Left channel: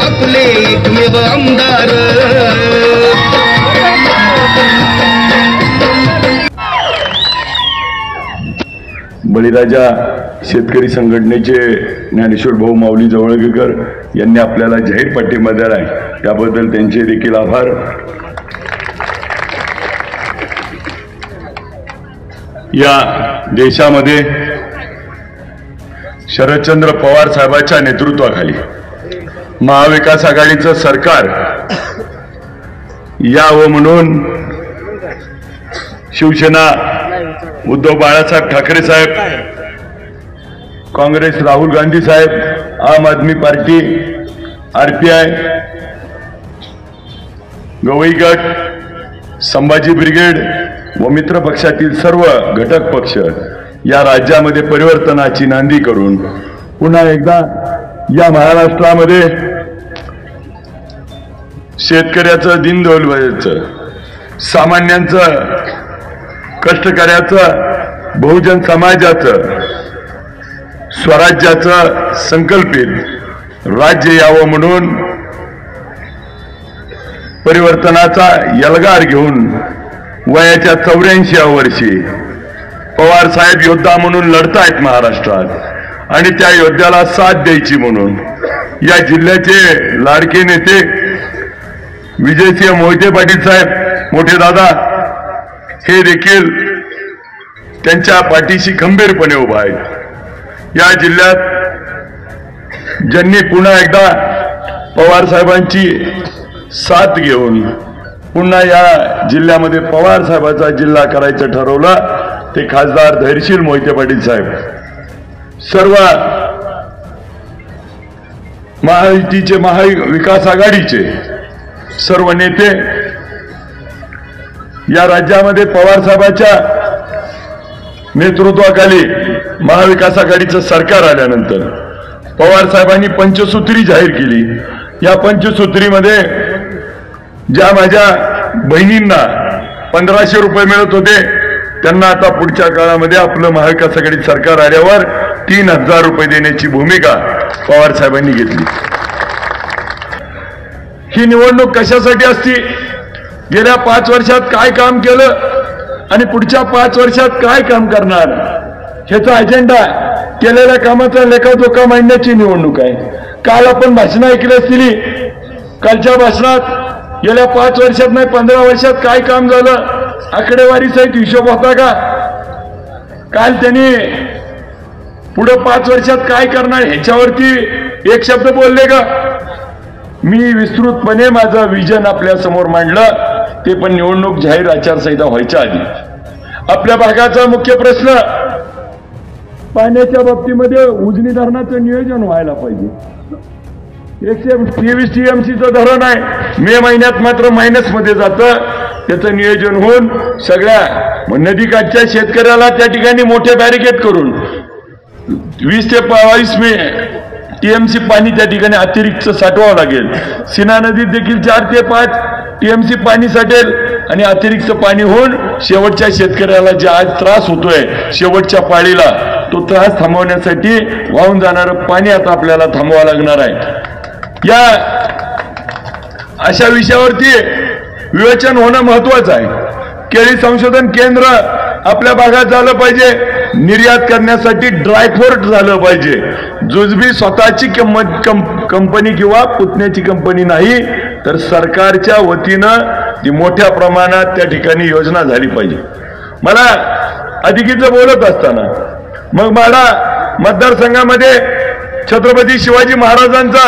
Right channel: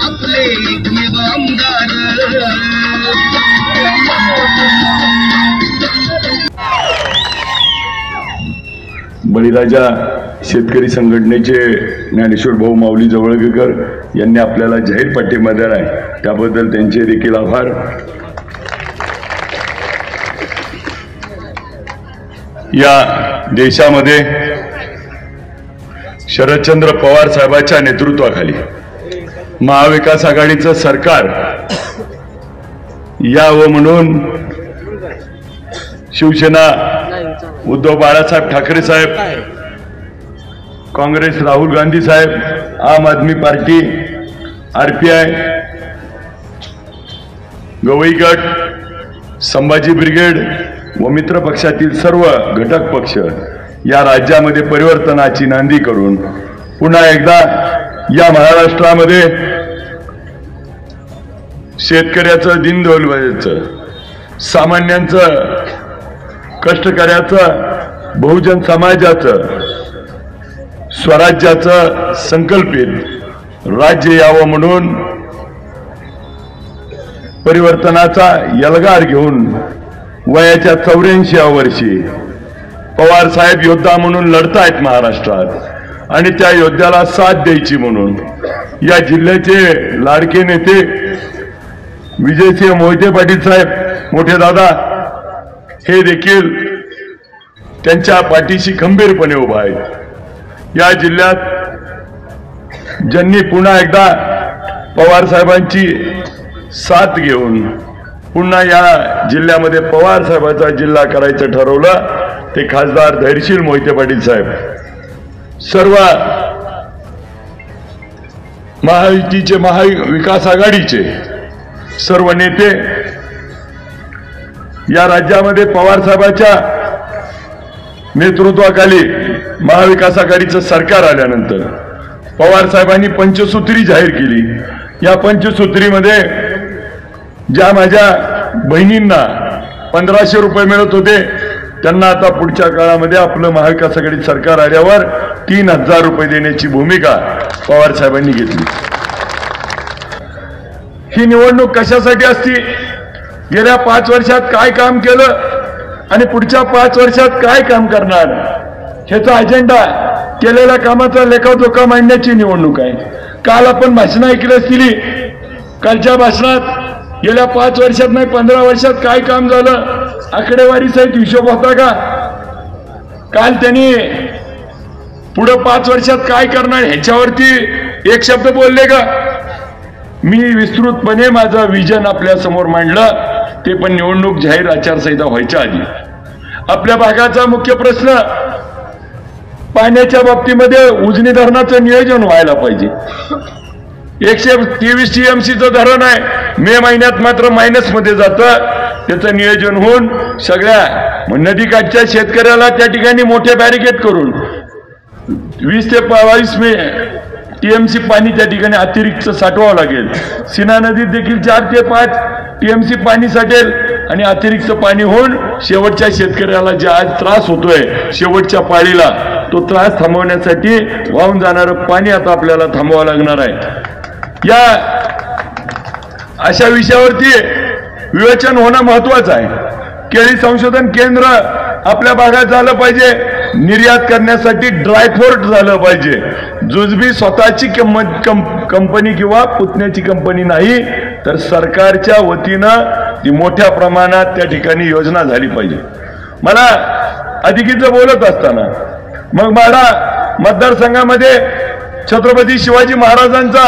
आपले एकमेव आमदार। बळीराजा शेतकरी संघटनेचे ज्ञानेश्वर भाऊ माऊली जवळगेकर यांनी आपल्याला जाहीर पाठिंबा दिला आहे, त्याबद्दल त्यांचे देखील आभार। या देशामध्ये शरदचंद्र पवार साहेबांच्या नेतृत्वाखाली महाविकास आघाडीचं सरकार यावं म्हणून शिवसेना उद्धव बाळासाहेब ठाकरे साहेब, काँग्रेस राहुल गांधी साहेब, आम आदमी पार्टी, आरपीआय, गवई गट, संभाजी ब्रिगेड व मित्र पक्षातील सर्व घटक पक्ष या राज्यामध्ये परिवर्तनाची नांदी करून पुन्हा एकदा या महाराष्ट्रामध्ये शेतकऱ्याचं, दीनदलिताचं, सामान्यांचं, कष्टकऱ्याचं, बहुजन समाजाचं, स्वराज्याचं संकल्पित राज्य यावं म्हणून परिवर्तनाचा यलगार घेऊन वयाच्या 84व्या वर्षी पवार साहेब योद्धा म्हणून लढतायत महाराष्ट्रात आणि त्या योद्ध्याला साथ द्यायची म्हणून या जिल्ह्याचे लाडके नेते विजयसिंह मोहिते पाटील साहेब, मोठे दादा, हे देखील त्यांच्या पाठीशी खंबीरपणे उभा आहेत। या जिल्ह्यात ज्यांनी पुन्हा एकदा पवार साहेबांची साथ घेऊन पुन्हा या जिल्ह्यामध्ये पवार साहेबांचा जिल्हा करायचं ठरवलं ते खासदार धैर्यशील मोहिते पाटील साहेब। सर्व महायुतीचे, महाविकास आघाडीचे सर्व नेते या राज्यामध्ये पवार साहेबांच्या नेतृत्वाखाली महाविकास आघाडीचं सरकार आल्यानंतर पवार साहेबांनी पंचसूत्री जाहीर केली। या पंचसूत्रीमध्ये ज्या माझ्या बहिणींना 1500 रुपये मिळत होते त्यांना आता पुढच्या काळामध्ये आपलं महाविकास आघाडी सरकार आल्यावर 3000 रुपये देण्याची भूमिका पवार साहेबांनी घेतली। ही निवडणूक कशासाठी असती, गेल्या 5 वर्षात काय काम केलं आणि पुढच्या 5 वर्षात काय काम करणार ह्याचा अजेंडा, केलेल्या कामाचा लेखाजोखा मांडण्याची निवडणूक आहे। काल आपण भाषणं ऐकली असतील, कालच्या भाषणात गेल्या 5 वर्षात नाही 15 वर्षात काय काम झालं आकडेवारी सहित हिशोब होता का? काल त्यांनी पुढे 5 वर्षात काय करणार ह्याच्यावरती एक शब्द बोलले का? मी विस्तृतपणे माझं विजन आपल्या समोर मांडलं, ते पण निवडणूक जाहीर आचारसंहिता व्हायच्या आधी। आपल्या भागाचा मुख्य प्रश्न पाण्याच्या बाबतीमध्ये उजनी धरणाचं नियोजन व्हायला पाहिजे। 123 TMCचं धरण आहे, मे महिन्यात मात्र मायनसमध्ये जातं, त्याचं नियोजन होऊन सगळ्या नदीकाठच्या शेतकऱ्याला त्या ठिकाणी मोठे बॅरिकेड करून 20 ते 22 TMC पाणी त्या ठिकाणी अतिरिक्त साठवावं लागेल। सीना नदीत देखील 4 ते 5 TMC पाणी साठेल आणि अतिरिक्त पाणी होऊन शेवटच्या शेतकऱ्याला जे आज त्रास होतोय शेवटच्या पाळीला, तो त्रास थांबवण्यासाठी वाहून जाणारं पाणी आता आपल्याला थांबवावं लागणार आहे। या अशा विषयावरती विवेचन होणं महत्वाचं आहे। केळी संशोधन केंद्र आपल्या भागात झालं पाहिजे, निर्यात करण्यासाठी ड्रायपोर्ट झालं पाहिजे। जुजबी स्वतःची कंपनी किंवा पुतण्याची कंपनी नाही तर सरकारच्या वतीनं ती मोठ्या प्रमाणात त्या ठिकाणी योजना झाली पाहिजे। मला अधिकीचं बोलत असताना मग माडा मतदारसंघामध्ये छत्रपती शिवाजी महाराजांचा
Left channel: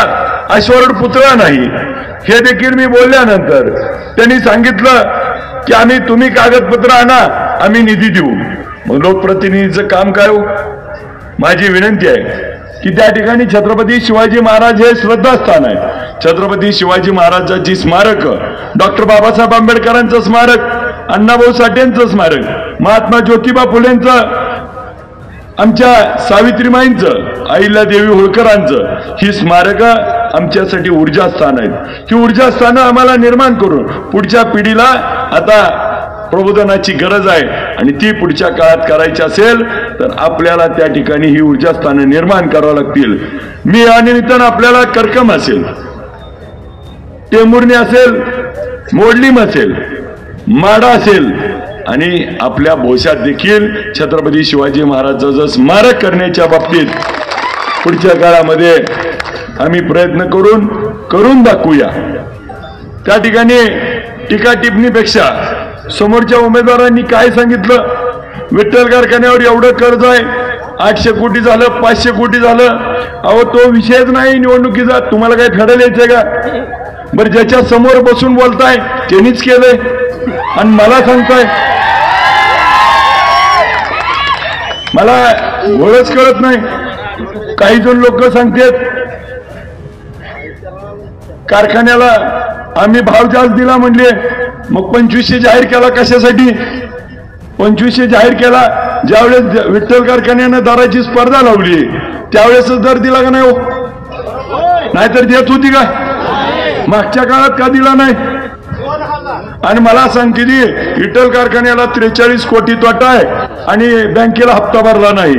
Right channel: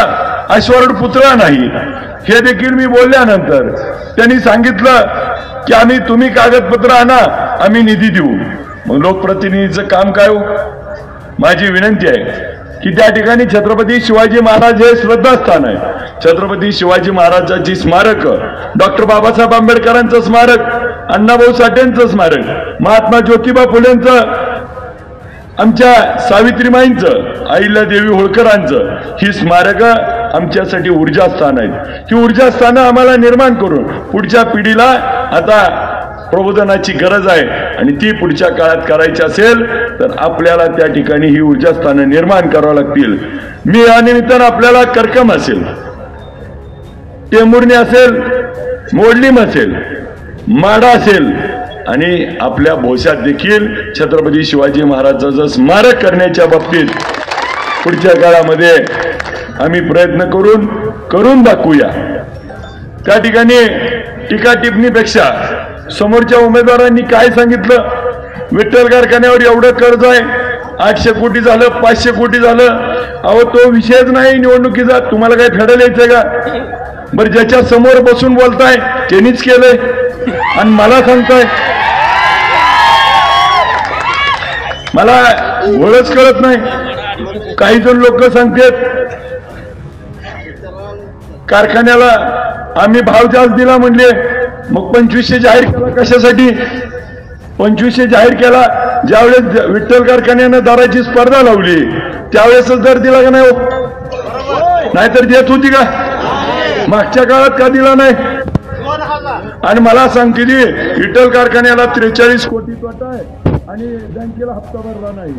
अश्वारूढ पुतळा नाही हे देखील मी बोलल्यानंतर त्यांनी सांगितलं की तुम्ही कागदपत्र आणा, आम्ही निधी देऊ। मग लोकप्रतिनिधीचं काम काय हो? माझी विनंती आहे की त्या ठिकाणी छत्रपती शिवाजी महाराज हे श्रद्धास्थान आहे। छत्रपती शिवाजी महाराजांची स्मारक, डॉक्टर बाबासाहेब आंबेडकरांचं स्मारक, अण्णाभाऊ साठेंचं स्मारक, महात्मा ज्योतिबा फुलेंचं, आमच्या सावित्रीमाईंचं, अहिल्यादेवी होळकरांचं, ही स्मारकं आमच्यासाठी ऊर्जास्थान आहेत। ही ऊर्जास्थानं आम्हाला निर्माण करून पुढच्या पिढीला आता प्रबोधनाची गरज आहे आणि ती पुढच्या काळात करायची असेल तर आपल्याला त्या ठिकाणी ही ऊर्जास्थानं निर्माण करावं लागतील। मी या निमित्तानं आपल्याला करकम असेल टेंभुर्णी असेल, मोडलीम असेल, माडा असेल आणि आपल्या भोश्यात देखील छत्रपती शिवाजी महाराजांचं स्मारक करण्याच्या बाबतीत पुढच्या काळामध्ये आम्ही प्रयत्न करून दाखवूया. त्या ठिकाणी टीका टिप्पणीपेक्षा समोरच्या उमेदवारांनी काय सांगितलं, विठ्ठल कारखान्यावर एवढं कर्ज आहे, 800 कोटी झालं, 500 कोटी झालं. अहो तो विषयच नाही निवडणुकीचा. तुम्हाला काय फेडायला यायचंय का? बरं, ज्याच्या समोर बसून बोलताय त्यांनीच केलंय आणि मला सांगताय. मला ओळख कळत नाही. काही जण लोक सांगतात कारखान्याला आम्ही भाव जास्त दिला म्हणले, मग 2500 जाहीर केला कशासाठी? 2500 जाहीर केला ज्यावेळेस विठ्ठल कारखान्यानं दराची स्पर्धा लावली त्यावेळेसच दर दिला का नाही? नाहीतर देत होती का? मागच्या काळात का दिला नाही? आणि मला सांगते विठ्ठल कारखान्याला 43 कोटी तोटा आहे आणि बँकेला हप्ता भरला नाही.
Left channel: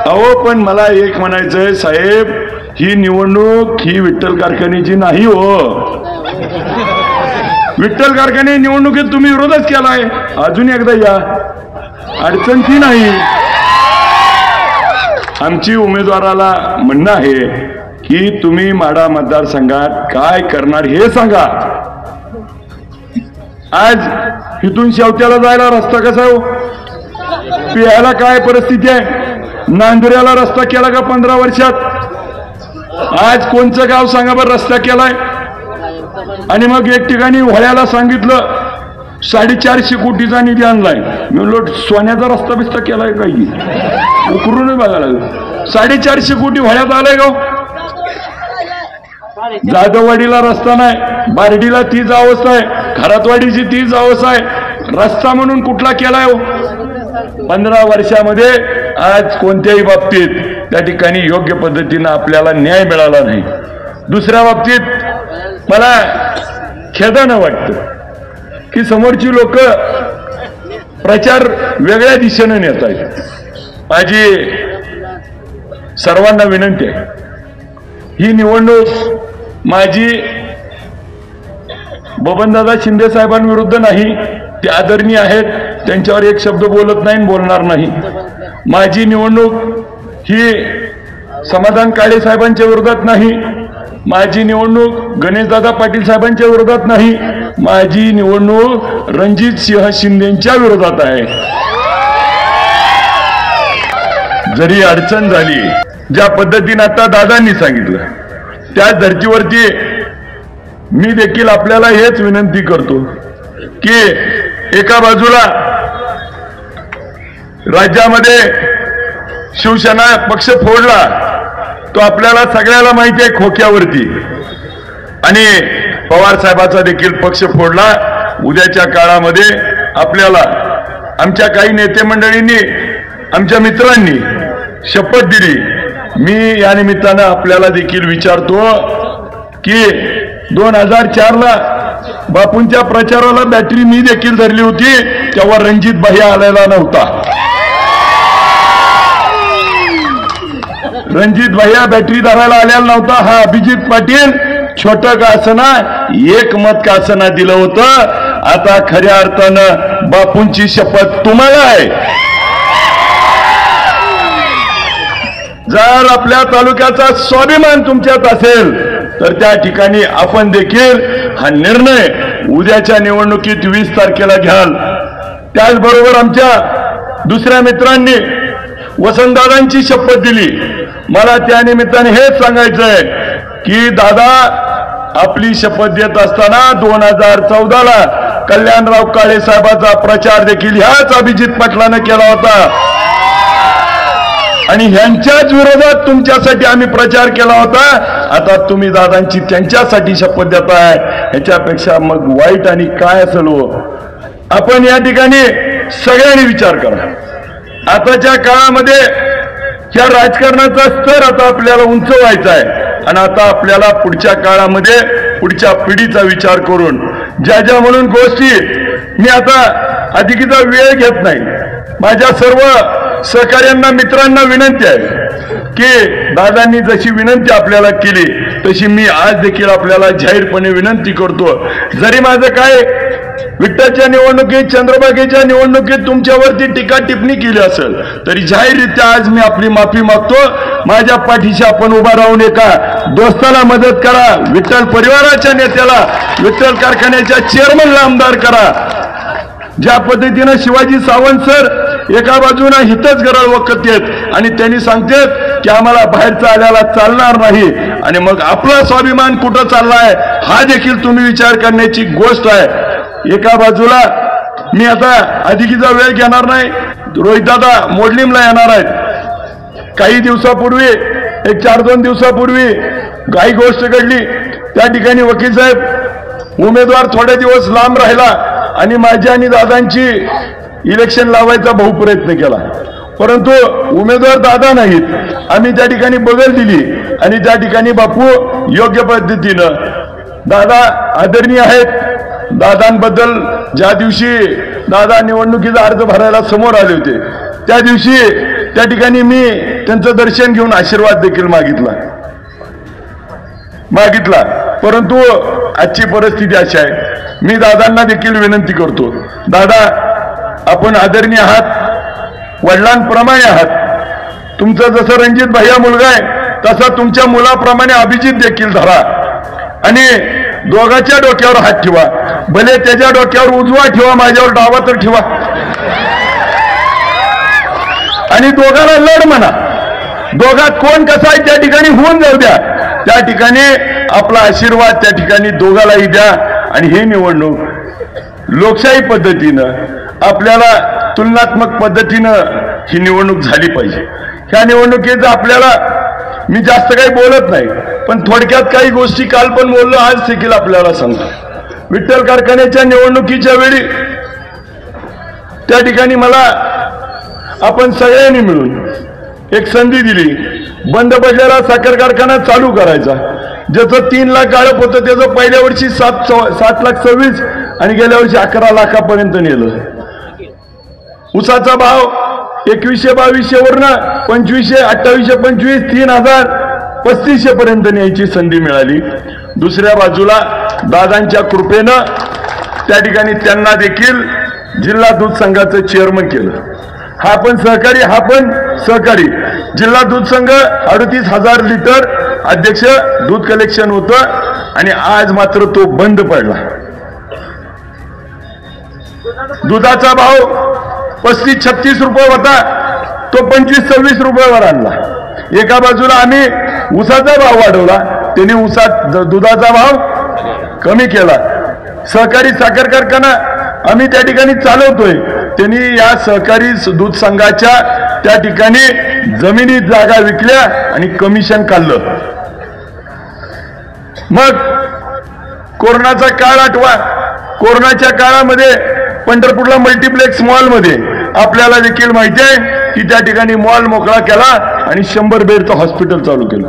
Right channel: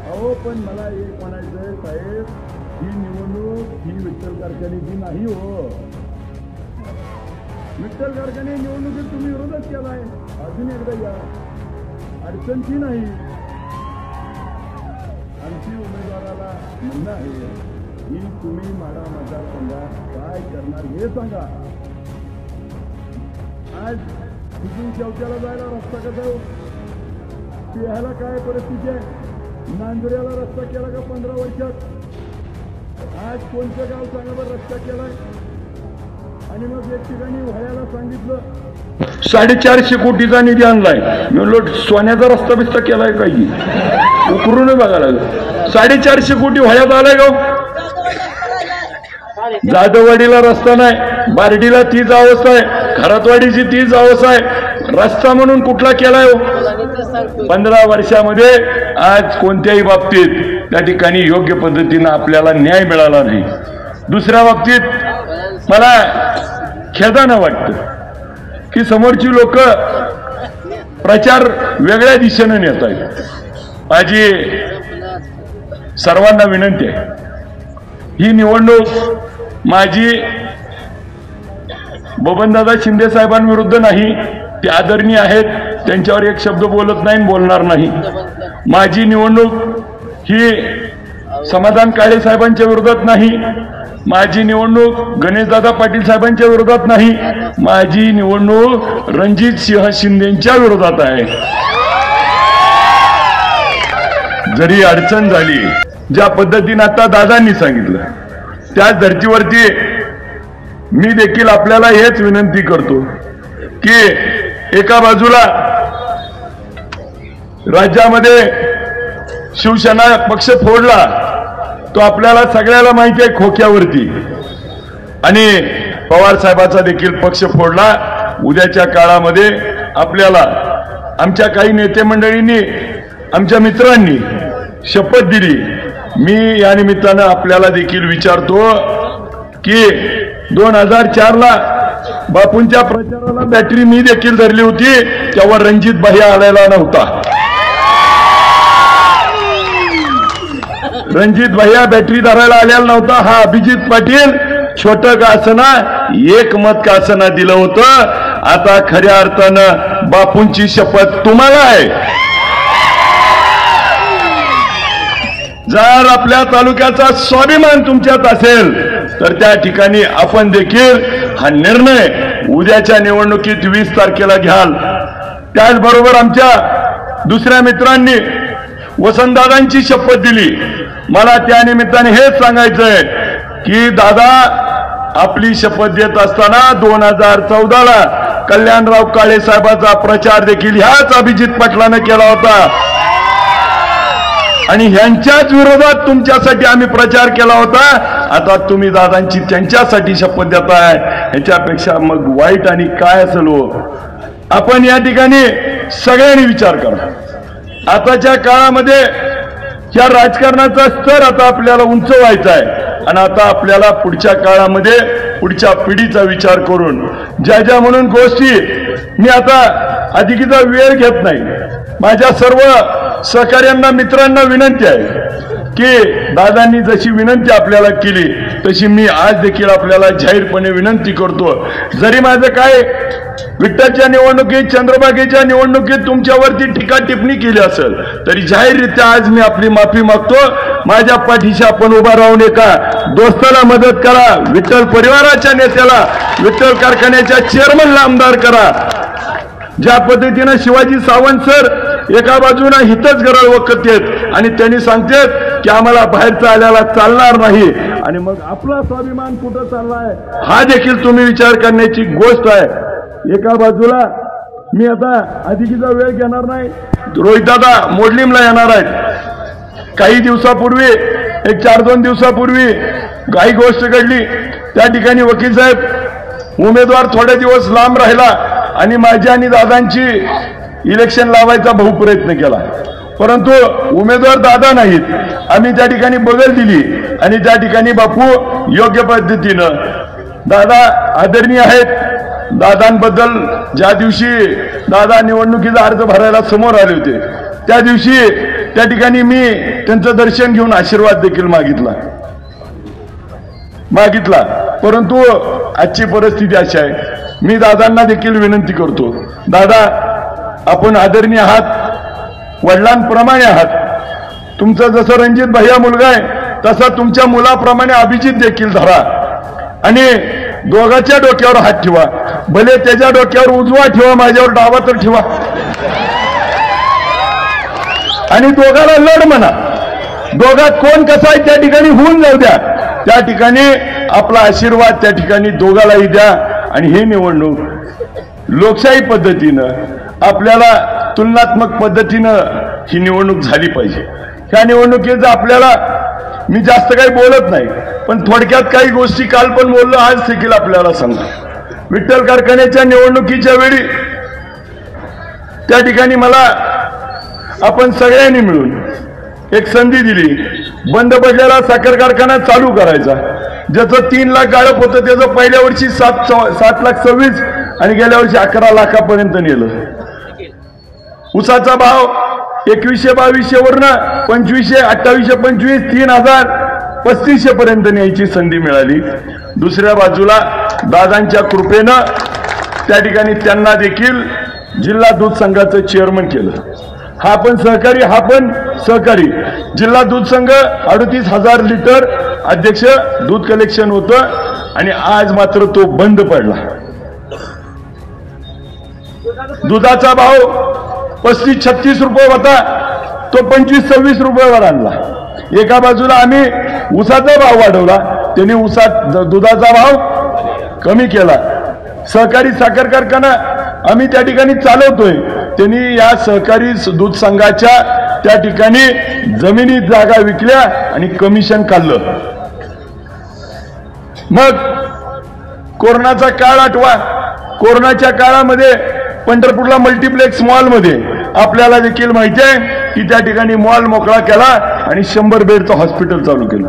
अहो पण मला एक म्हणायचंय साहेब, ही निवडणूक ही विठ्ठल कारखान्याची नाही हो. विठ्ठल कारखाने निवडणुकीत तुम्ही विरोधच केलाय. अजून एकदा या, अडचण ती नाही. आमची उमेदवाराला म्हणणं आहे की तुम्ही माढा मतदारसंघात काय करणार हे सांगा. आज इथून शेवट्याला जायला रस्ता कसा हो? पियाला काय परिस्थिती आहे? नांदुऱ्याला रस्ता केला का 15 वर्षात? आज कोणचं गाव सांगा बरं रस्ता केलाय? आणि मग एक ठिकाणी व्हळ्याला सांगितलं 450 कोटीचा निधी आणलाय. मी म्हणलो सोन्याचा रस्ता बिस्ता केलाय काही? उकरून बघायला लागलं. 450 कोटी व्हळ्यात आलाय गाव. जाधववाडीला रस्ता नाही, बारडीला तीच अवस्था आहे, खरातवाडीची तीच अवस्था आहे. रस्ता म्हणून कुठला केलाय हो? 15 वर्षामध्ये आज कोणत्याही बाबतीत त्या ठिकाणी योग्य पद्धतीनं आपल्याला न्याय मिळाला नाही. दुसऱ्या बाबतीत मला खेदानं वाटतं की समोरची लोक प्रचार वेगळ्या दिशेनं नेत आहेत. माझी सर्वांना विनंती आहे, ही निवडणूक माझी बबनदादा शिंदे साहेबांविरुद्ध नाही. ते आदरणीय आहेत, त्यांच्यावर एक शब्द बोलत नाही, बोलणार नाही. माझी निवडणूक ही समाधान काळे साहेबांच्या विरोधात नाही. माझी निवडणूक गणेशदादा पाटील साहेबांच्या विरोधात नाही. माझी निवडणूक रणजित सिंह शिंदेच्या विरोधात आहे. जरी अडचण झाली, ज्या पद्धतीने आता दादांनी सांगितलं, त्या धर्तीवरती मी देखील आपल्याला हेच विनंती करतो की एका बाजूला राज्यामध्ये शिवसेना पक्ष फोडला, तो आपल्याला सगळ्याला माहिती आहे खोक्यावरती, आणि पवार साहेबाचा देखील पक्ष फोडला. उद्याच्या काळामध्ये आपल्याला आमच्या काही नेते मंडळींनी, आमच्या मित्रांनी शपथ दिली. मी या निमित्तानं आपल्याला देखील विचारतो की 2004ला बापूंच्या प्रचाराला बॅटरी मी देखील धरली होती, तेव्हा रणजित भैया आलेला नव्हता. रणजित भैया बॅटरी धरायला आलेला नव्हता. हा अभिजित पाटील छोटं का असना, एक मत का असना दिलं होतं. आता खऱ्या अर्थानं बापूंची शपथ तुम्हाला आहे. जर आपल्या तालुक्याचा स्वाभिमान तुमच्यात असेल तर त्या ठिकाणी आपण देखील हा निर्णय उद्याच्या निवडणुकीत 20 तारखेला घ्याल. त्याचबरोबर आमच्या दुसऱ्या मित्रांनी वसंतदादांची शपथ दिली. मला त्या निमित्ताने हेच सांगायचंय की दादा आपली शपथ देत असताना 2014ला कल्याणराव काळे साहेबांचा प्रचार देखील ह्याच अभिजित पाटलानं केला होता, आणि ह्यांच्याच विरोधात तुमच्यासाठी आम्ही प्रचार केला होता. आता तुम्ही दादांची त्यांच्यासाठी शपथ देताय, ह्याच्यापेक्षा मग वाईट आणि काय असेल हो? आपण या ठिकाणी सगळ्यांनी विचार करा. आताच्या काळामध्ये या राजकारणाचा स्तर आता आपल्याला उंच व्हायचा आहे, आणि आता आपल्याला पुढच्या काळामध्ये पुढच्या पिढीचा विचार करून ज्या म्हणून गोष्टी, मी आता अधिकीचा वेळ घेत नाही. माझ्या सर्व सहकार्यांना, मित्रांना विनंती आहे की दादांनी जशी विनंती आपल्याला केली तशी मी आज देखील आपल्याला जाहीरपणे विनंती करतो. जरी माझं काय विठ्ठलच्या निवडणुकीत, चंद्रभागेच्या निवडणुकीत तुमच्यावरती टीका टिप्पणी केली असेल तरी जाहीररित्या आज मी आपली माफी मागतो. माझ्या पाठीशी आपण उभा राहून एका दोस्ताला मदत करा, विठ्ठल परिवाराच्या नेत्याला, विठ्ठल कारखान्याच्या चेअरमनला आमदार करा. ज्या पद्धतीनं शिवाजी सावंत सर एका बाजूला हितच गरळ वखत आहेत आणि त्यांनी सांगतात की आम्हाला बाहेरचं आल्याला चालणार नाही, आणि मग आपला स्वाभिमान कुठं चाललाय हा देखील तुम्ही विचार करण्याची गोष्ट आहे. एका बाजूला मी आता अधिकीचा वेळ घेणार नाही, रोहितदादा मोडलीमला येणार आहेत. काही दिवसापूर्वी, एक 4-2 दिवसापूर्वी काही गोष्ट घडली. त्या ठिकाणी वकील साहेब उमेदवार थोडे दिवस लांब राहिला आणि माझी आणि दादांची इलेक्शन लावायचा बहु प्रयत्न केला, परंतु उमेदवार दादा नाहीत. आम्ही त्या ठिकाणी बगल दिली आणि त्या ठिकाणी बापू योग्य पद्धतीनं, दादा आदरणीय आहेत, दादांबद्दल ज्या दिवशी दादा निवडणुकीचा अर्ज भरायला समोर आले होते त्या दिवशी त्या ठिकाणी मी त्यांचं दर्शन घेऊन आशीर्वाद देखील मागितला. परंतु आजची परिस्थिती अशी आहे. मी दादांना देखील विनंती करतो, दादा आपण आदरणीय आहात, वडिलांप्रमाणे आहात. तुमचं जसं रणजित भैया मुलगा आहे तसा तुमच्या मुलाप्रमाणे अभिजित देखील धरा आणि दोघाच्या डोक्यावर हात ठेवा. भले त्याच्या डोक्यावर उजवा ठेवा, माझ्यावर डावा तर ठेवा, आणि दोघांना लढ म्हणा. दोघात कोण कसा आहे त्या ठिकाणी होऊन जाऊ द्या. त्या ठिकाणी आपला आशीर्वाद त्या ठिकाणी दोघालाही द्या. आणि ही निवडणूक लोकशाही पद्धतीनं, आपल्याला तुलनात्मक पद्धतीनं ही निवडणूक झाली पाहिजे. ह्या निवडणुकीचं आपल्याला मी जास्त काही बोलत नाही, पण थोडक्यात काही गोष्टी काल पण बोललो, आज देखील आपल्याला सांगतो. विठ्ठल कारखान्याच्या निवडणुकीच्या वेळी त्या ठिकाणी मला आपण सगळ्यांनी मिळून एक संधी दिली, बंद पडलेला साखर कारखाना चालू करायचा. ज्याचं 3 लाख गाळप होतं त्याचं पहिल्या वर्षी 7,26,000 आणि गेल्या वर्षी 11 लाखापर्यंत नेलं. ऊसाचा भाव 2100-2200 वरनं 2500, 2825, 3000, 3500 पर्यंत न्यायची संधी मिळाली. दुसऱ्या बाजूला दादांच्या कृपेनं त्या ठिकाणी त्यांना देखील जिल्हा दूध संघाचं चेअरमन केलं. हा पण सहकारी जिल्हा दूध संघ 38,000 लिटर अध्यक्ष दूध कलेक्शन होतं आणि आज मात्र तो बंद पडला. दुधाचा भाव 35-36 रुपये होता, तो 25-26 रुपयावर आणला. एका बाजूला आम्ही ऊसाचा भाव वाढवला, त्यांनी दुधाचा भाव कमी केला. सहकारी साखर कारखाना आम्ही त्या ठिकाणी चालवतोय, त्यांनी या सहकारी दूध संघाच्या त्या ठिकाणी जमिनी जागा विकल्या आणि कमिशन काढलं. मग कोरोनाचा काळ आठवा. कोरोनाच्या काळामध्ये पंढरपूरला मल्टिप्लेक्स मॉलमध्ये आपल्याला देखील माहिती आहे की त्या ठिकाणी मॉल मोकळा केला आणि 100 बेडचं हॉस्पिटल चालू केलं.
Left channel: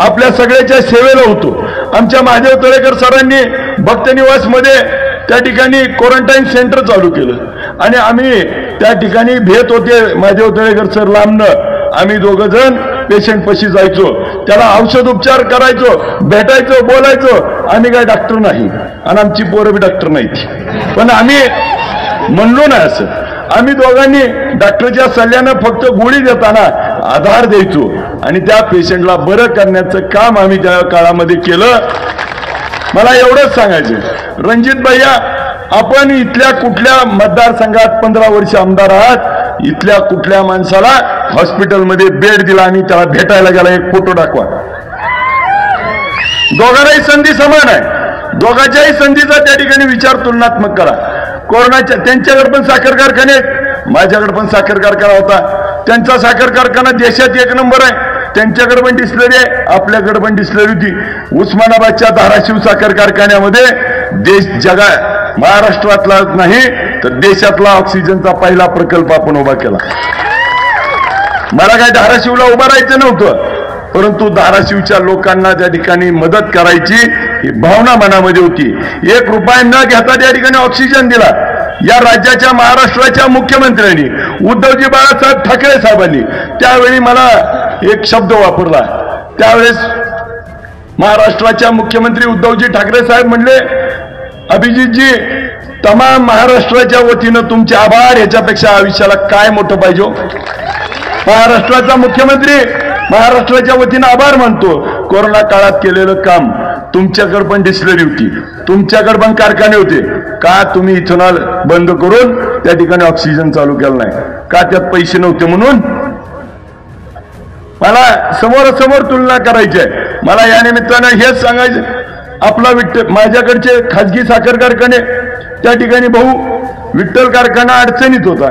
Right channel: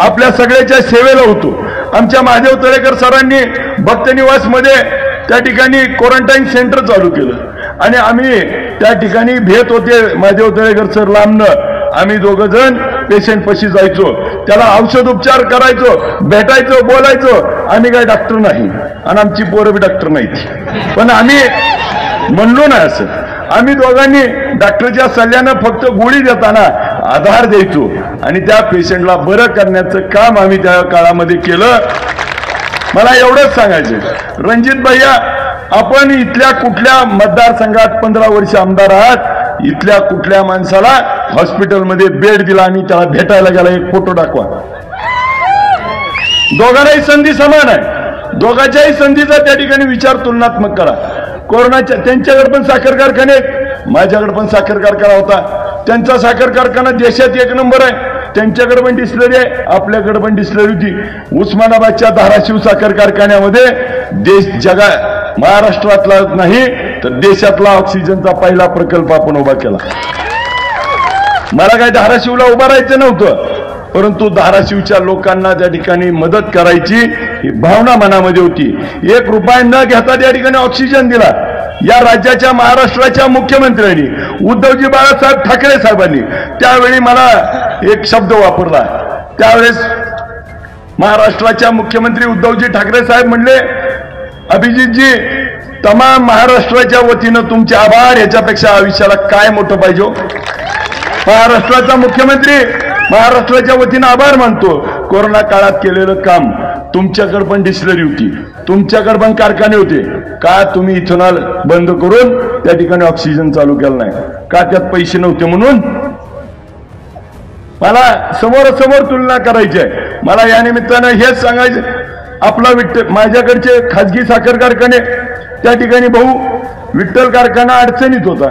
आपल्या सगळ्याच्या सेवेला होतो. आमच्या महादेव तळेकर सरांनी भक्तनिवासमध्ये त्या ठिकाणी क्वारंटाईन सेंटर चालू केलं आणि आम्ही त्या ठिकाणी भेट होते. महादेव तळेकर सर लांबनं आम्ही दोघं जण पेशंट पशी जायचो, त्याला औषध उपचार करायचो, भेटायचो, बोलायचो. आम्ही काय डॉक्टर नाही आणि आमची पोरं बी डॉक्टर नाहीत, पण आम्ही म्हणलो नाही असं. आम्ही दोघांनी डॉक्टरच्या सल्ल्यानं फक्त गोळी देताना आधार द्यायचो आणि त्या पेशंटला बरं करण्याचं काम आम्ही त्या काळामध्ये केलं. मला एवढंच सांगायचं, रणजित भैया आपण इथल्या कुठल्या मतदारसंघात 15 वर्ष आमदार आहात, इथल्या कुठल्या माणसाला हॉस्पिटलमध्ये बेड दिला आणि त्याला भेटायला गेला, एक फोटो दाखवा. दोघांनाही संधी समान आहे. दोघांच्याही संधीचा त्या ठिकाणी विचार तुलनात्मक करा. कोरोनाच्या त्यांच्याकडे पण साखर कारखाने, माझ्याकडे पण साखर कारखाना होता. त्यांचा साखर कारखाना देशात 1 नंबर आहे. त्यांच्याकडे पण डिस्लरी आहे, आपल्याकडे पण डिस्लरी होती. उस्मानाबादच्या धाराशिव साखर कारखान्यामध्ये महाराष्ट्रातला नाही तर देशातला ऑक्सिजनचा पहिला प्रकल्प आपण उभा केला. मला काय धाराशिवला उभं राहायचं नव्हतं, परंतु धाराशिवच्या लोकांना त्या ठिकाणी मदत करायची ही भावना मनामध्ये होती. 1 रुपया न घेता त्या ठिकाणी ऑक्सिजन दिला. या राज्याच्या महाराष्ट्राच्या मुख्यमंत्र्यांनी उद्धवजी बाळासाहेब ठाकरे साहेबांनी त्यावेळी मला एक शब्द वापरला. त्यावेळेस महाराष्ट्राच्या मुख्यमंत्री उद्धवजी ठाकरे साहेब म्हणले, अभिजितजी तमाम महाराष्ट्राच्या वतीनं तुमचे आभार, याच्यापेक्षा आयुष्याला काय मोठं पाहिजे. महाराष्ट्राचा मुख्यमंत्री महाराष्ट्राच्या वतीनं आभार मानतो. कोरोना काळात केलेलं काम, तुमच्याकडे पण डिस्टिलरी होती, तुमच्याकडे पण कारखाने होते, का तुम्ही इथेनॉल बंद करून त्या ठिकाणी ऑक्सिजन चालू केलं नाही? का त्यात पैसे नव्हते म्हणून? मला समोरासमोर तुलना करायची आहे. मला या निमित्तानं हेच सांगायचं, आपला माझ्याकडचे खाजगी साखर कारखाने, त्या ठिकाणी भाऊ विठ्ठल कारखाना अडचणीत होता.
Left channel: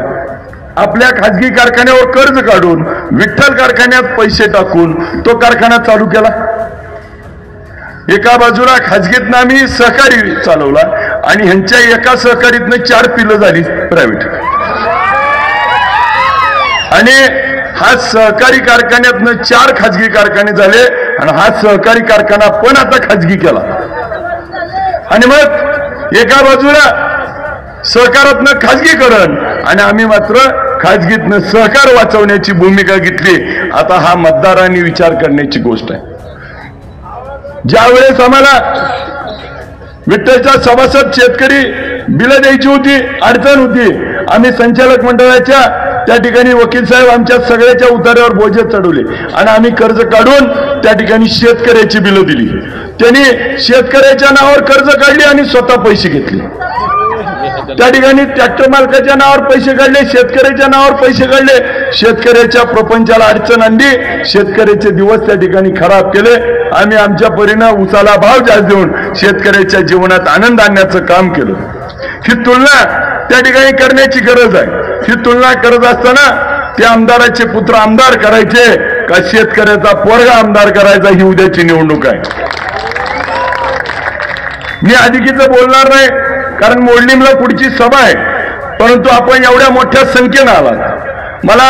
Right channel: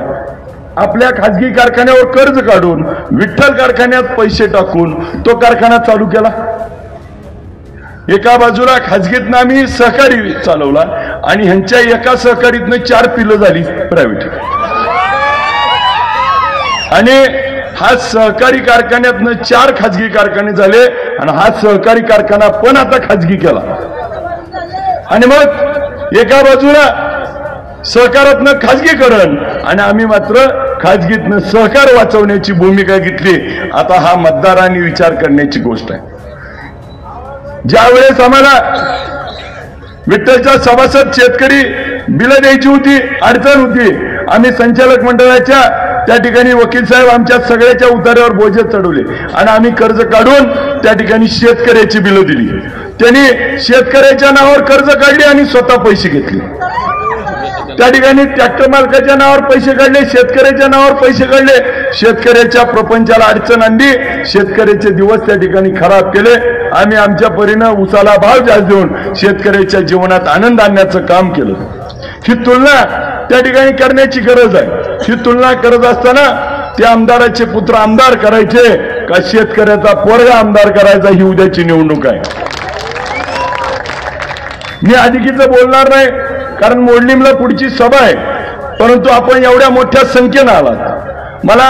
आपल्या खाजगी कारखान्यावर कर्ज काढून विठ्ठल कारखान्यात पैसे टाकून तो कारखाना चालू केला. एका बाजूला खाजगीतनं आम्ही सहकारी चालवला आणि ह्यांच्या एका सहकारीतनं 4 पिलं झाली प्रायव्हेट. आणि हा सहकारी कारखान्यातनं 4 खाजगी कारखाने झाले आणि हा सहकारी कारखाना पण आता खाजगी केला. आणि मग एका बाजूला सहकारातनं खाजगीकरण आणि आम्ही मात्र खाजगीतनं सहकार वाचवण्याची भूमिका घेतली. आता हा मतदारांनी विचार करण्याची गोष्ट आहे. ज्यावेळेस आम्हाला विठ्ठलच्या सभासद शेतकरी बिलं द्यायची होती, अडचण होती, आम्ही संचालक मंडळाच्या त्या ठिकाणी वकील साहेब आमच्या सगळ्याच्या उतार्यावर बोजे चढवले आणि आम्ही कर्ज काढून त्या ठिकाणी शेतकऱ्याची बिलं दिली. त्यांनी शेतकऱ्याच्या नावावर कर्ज काढली आणि स्वतः पैसे घेतले. त्या ठिकाणी ट्रॅक्टर मालकाच्या नावावर पैसे काढले, शेतकऱ्याच्या नावावर पैसे काढले, शेतकऱ्याच्या प्रपंचाला अडचण आणली, शेतकऱ्याचे दिवस त्या ठिकाणी खराब केले. आम्ही आमच्या परीनं उसाला भाव जास्त देऊन शेतकऱ्याच्या जीवनात आनंद आणण्याचं काम केलं. ही तुलना त्या ठिकाणी करण्याची गरज आहे. ही तुलना करत असताना त्या आमदाराचे पुत्र आमदार करायचे का शेतकऱ्याचा पोरगा आमदार करायचा, ही उद्याची निवडणूक आहे. मी अधिकीचं बोलणार नाही, कारण मोडलीमला पुढची सभा आहे. परंतु आपण एवढ्या मोठ्या संख्येनं आलात. मला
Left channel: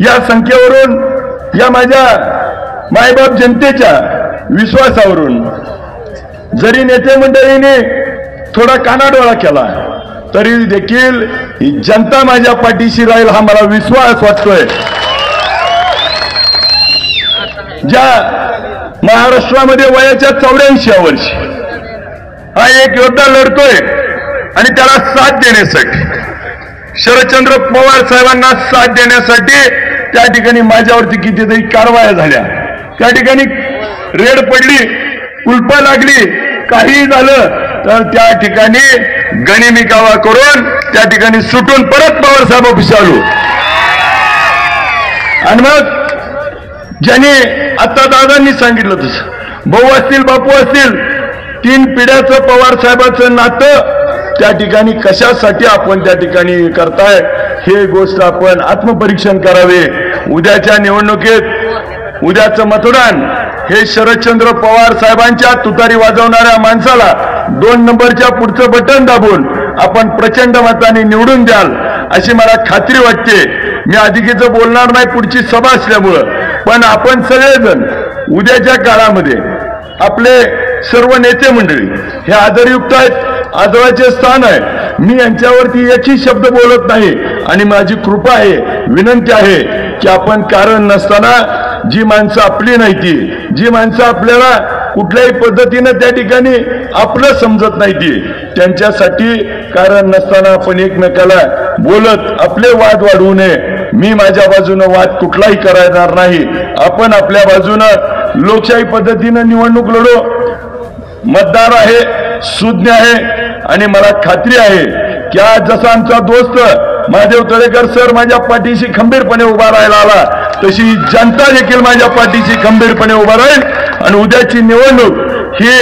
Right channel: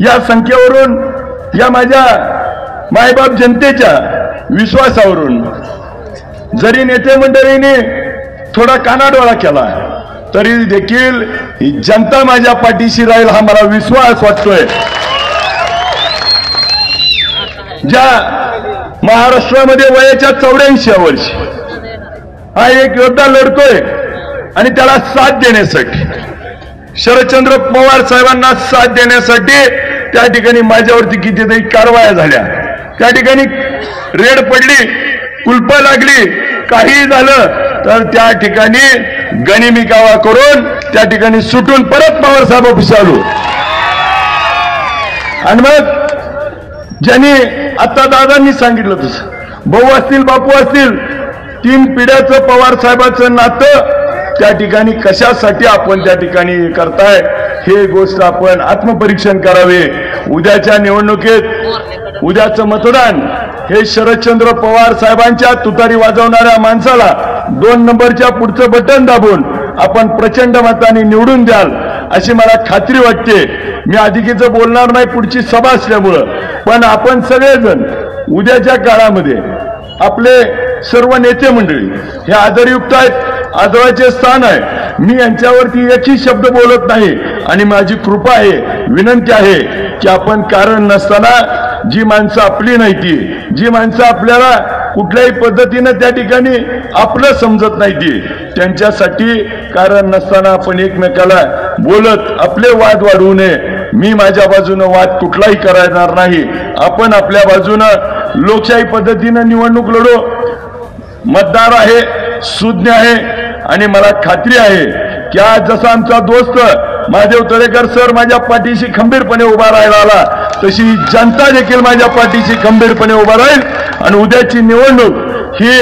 या संख्येवरून, या माझ्या मायबाप जनतेच्या विश्वासावरून, जरी नेते मंडळींनी थोडा कानाडोळा केला तरी देखील ही जनता माझ्या पाठीशी राहील हा मला विश्वास वाटतोय. ज्या महाराष्ट्रामध्ये वयाच्या 84व्या वर्षी हा एक योद्धा लढतोय आणि त्याला साथ देण्यासाठी, शरदचंद्र पवार साहेबांना साथ देण्यासाठी त्या ठिकाणी माझ्यावरती कितीतरी कारवाया झाल्या. त्या ठिकाणी रेड पडली, कुलपं लागली, काही झालं तर त्या ठिकाणी गनिमी कावा करून त्या ठिकाणी सुटून परत पवार साहेब ऑफिस आलो. आणि मग ज्यांनी आता दादांनी सांगितलं तसं, भाऊ असतील, बापू असतील, 3 पिढ्याचं पवार साहेबांचं नातं त्या ठिकाणी कशासाठी आपण त्या ठिकाणी करताय, हे गोष्ट आपण आत्मपरीक्षण करावे. उद्याच्या निवडणुकीत उद्याचं मतदान हे शरदचंद्र पवार साहेबांच्या तुतारी वाजवणाऱ्या माणसाला 2 नंबरच्या पुढचं बटन दाबून आपण प्रचंड मताने निवडून द्याल अशी मला खात्री वाटते. मी अधिकीचं बोलणार नाही पुढची सभा असल्यामुळं, पण आपण सगळेजण उद्याच्या काळामध्ये आपले सर्व नेते मंडळी हे आदरयुक्त आहेत, आदराचे स्थान आहे. मी यांच्यावरती एकही शब्द बोलत नाही आणि माझी कृपा आहे, विनंती आहे की आपण कारण नसताना जी माणसं आपली नाही ती, जी माणसं आपल्याला कुठल्याही पद्धतीनं त्या ठिकाणी आपलं समजत नाही ती, त्यांच्यासाठी कारण नसताना आपण एकमेकाला बोलत आपले वाद वाढवू नये. मी माझ्या बाजूनं वाद कुठलाही करणार नाही. आपण आपल्या बाजूनं लोकशाही पद्धतीनं निवडणूक लढू. मतदार आहे, सुज्ञ आहे आणि मला खात्री आहे की आज जसा आमचा दोस्त महादेव तळेकर सर माझ्या पाठीशी खंबीरपणे उभा राहायला आला, तशी जनता देखील माझ्या पाठीशी खंबीरपणे उभा राहील. आणि उद्याची निवडणूक ही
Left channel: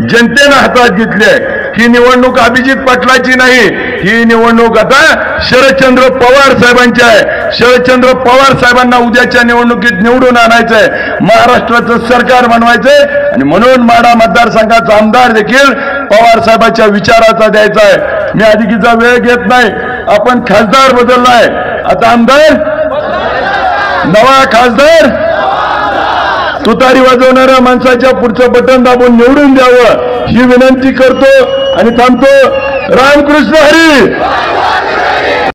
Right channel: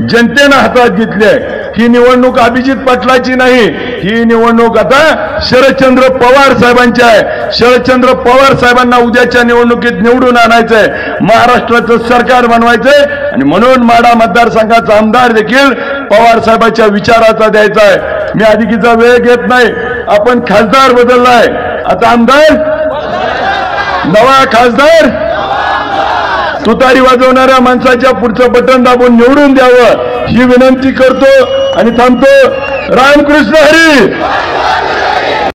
जनतेनं हातात घेतली आहे. ही निवडणूक अभिजित पाटलाची नाही, ही निवडणूक आता शरदचंद्र पवार साहेबांची आहे. शरदचंद्र पवार साहेबांना उद्याच्या निवडणुकीत निवडून आणायचंय, महाराष्ट्राचं सरकार बनवायचंय आणि म्हणून माढा मतदारसंघाचा आमदार देखील पवार साहेबांच्या विचाराचा द्यायचा आहे. मी अधिकीचा वेळ घेत नाही. आपण खासदार बदललाय, आता आमदार, नवा खासदार तुतारी वाजवणाऱ्या माणसाच्या पुढचं बटन दाबून निवडून द्यावं ही विनंती करतो आणि थांबतो. रामकृष्ण हरी.